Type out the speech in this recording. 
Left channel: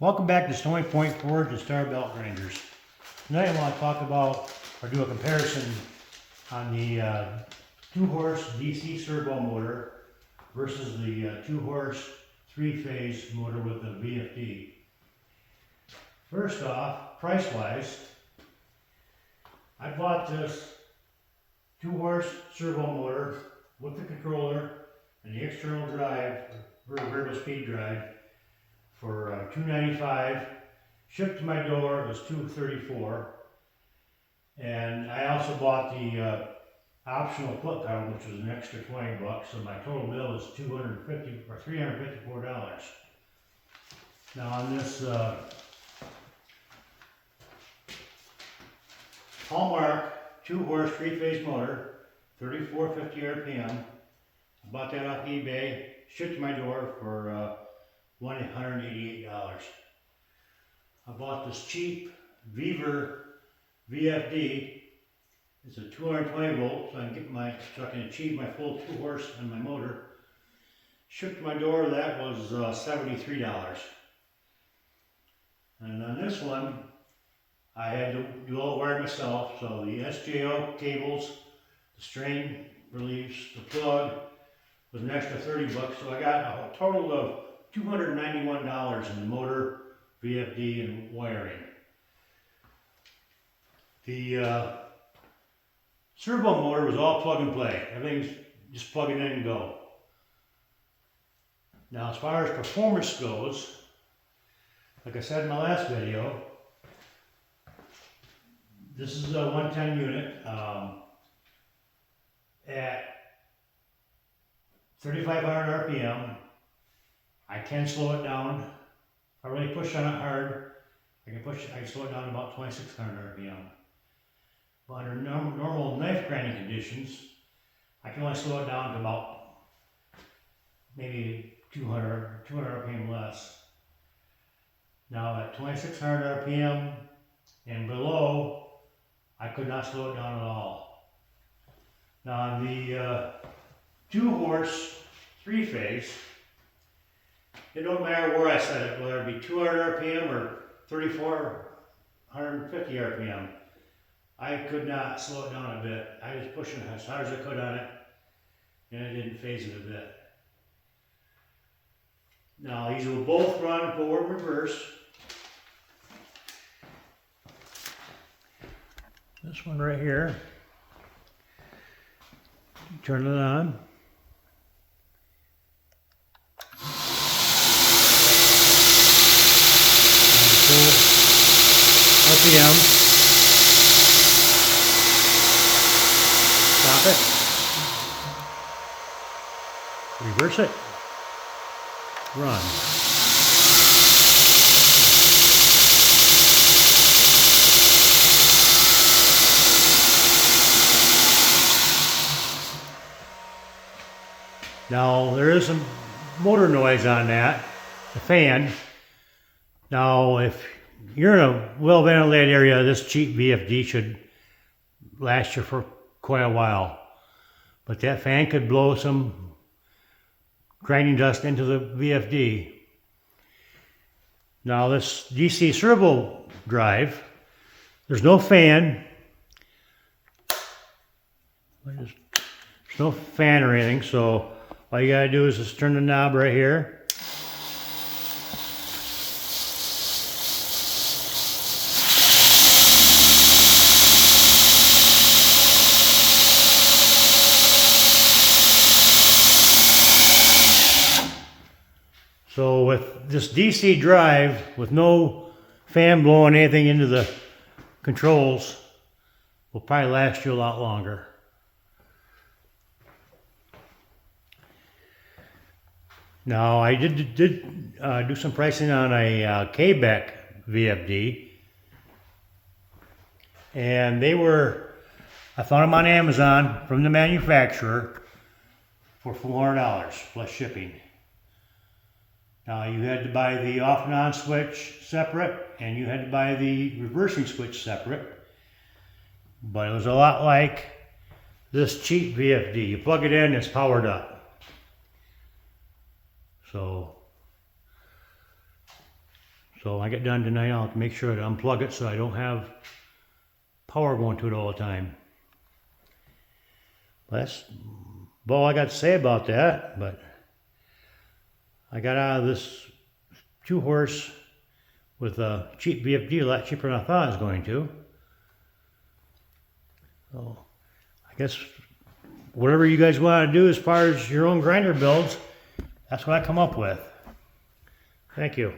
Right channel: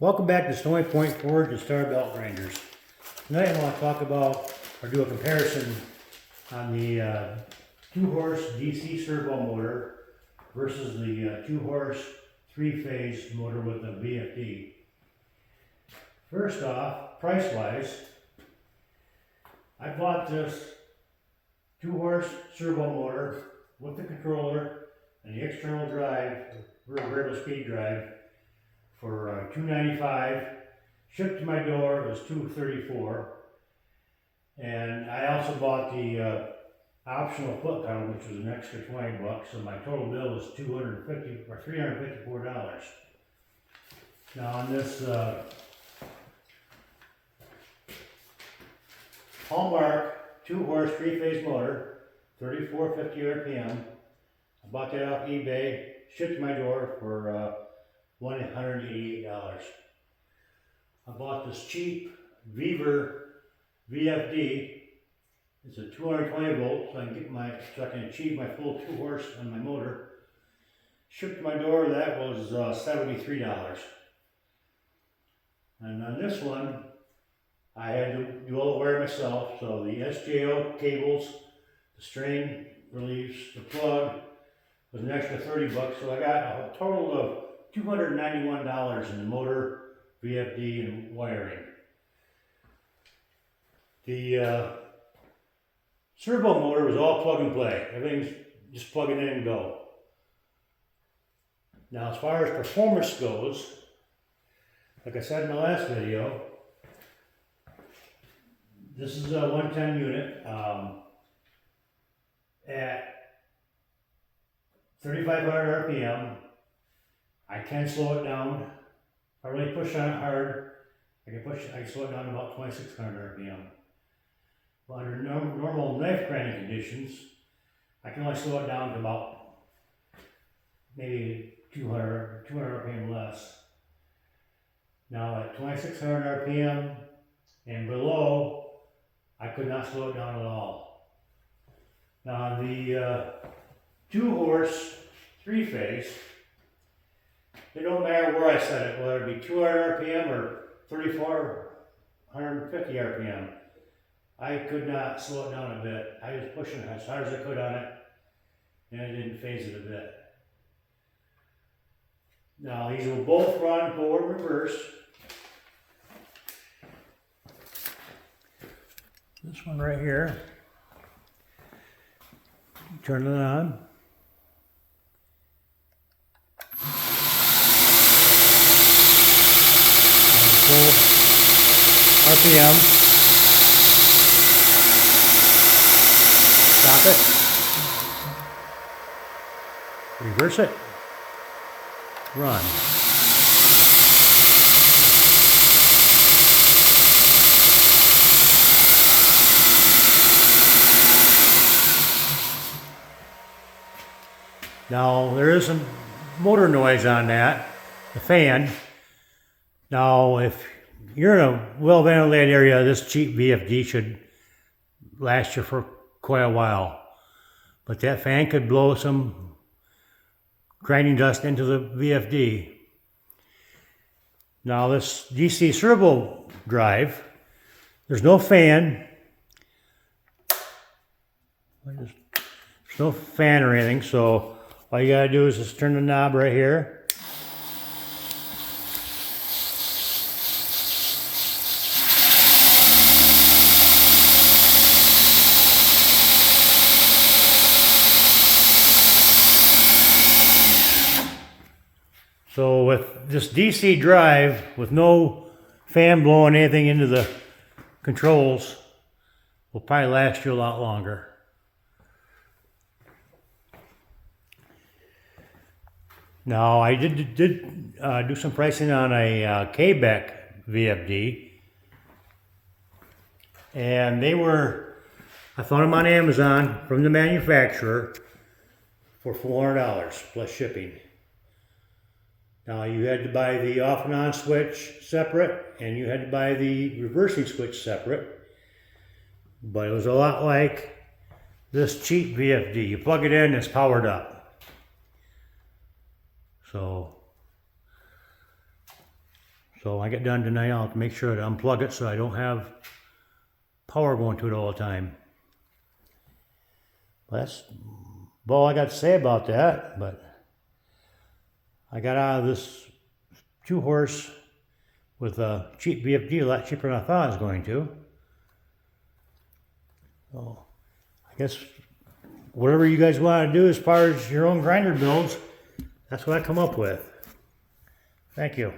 Welcome back to Stony Point Forge and Star Belt Grinders. Tonight I want to talk about or do a comparison on the 2-horse DC servo motor versus the 2-horse 3-phase motor with the VFD. First off, price-wise, I bought this 2-horse servo motor with the controller and the external drive, variable speed drive, for $295. Shipped to my door, it was $234. And I also bought the optional foot pedal, which was an extra $20, so my total bill was $354. Now on this Hallmark 2-horse 3-phase motor, 3450 RPM. I bought that off eBay, shipped to my door for $188. I bought this cheap Weaver VFD. It's a 220 volt, so I can achieve my full 2-horse and my motor. Shipped to my door, that was $73. And on this one, I had to do all the wiring myself, so the SJO cables, the strain reliefs, the plug was an extra $30, so I got a total of $291 in the motor, VFD, and wiring. The servo motor was all plug and play. Everything's just plug it in and go. Now as far as performance goes, like I said in the last video, this is a 110 unit at 3,500 RPM. I can slow it down. If I really push on it hard, I can slow it down to about 2,600 RPM. But under normal knife grinding conditions, I can only slow it down to about maybe 200 RPM less. Now at 2,600 RPM and below, I could not slow it down at all. Now on the 2-horse 3-phase, it don't matter where I set it, whether it be 200 RPM or 3,450 RPM. I could not slow it down a bit. I was pushing as hard as I could on it, and it didn't phase it a bit. Now these will both run forward reverse. This one right here, turn it on. Full RPM. Stop it. Reverse it. Run. Now there is some motor noise on that, the fan. Now, if you're in a well-ventilated area, this cheap VFD should last you for quite a while. But that fan could blow some grinding dust into the VFD. Now, this DC servo drive, there's no fan. There's no fan or anything, so all you gotta do is just turn the knob right here. So with this DC drive, with no fan blowing anything into the controls, will probably last you a lot longer. Now I did do some pricing on a K-Beck VFD, and I found them on Amazon from the manufacturer for $400 plus shipping. Now you had to buy the off and on switch separate, and you had to buy the reversing switch separate. But it was a lot like this cheap VFD. You plug it in, it's powered up. So So when I get done tonight, I'll make sure to unplug it so I don't have power going to it all the time. That's all I got to say about that, but I got out of this 2-horse with a cheap VFD, a lot cheaper than I thought I was going to. So I guess whatever you guys want to do as far as your own grinder builds, that's what I come up with. Thank you.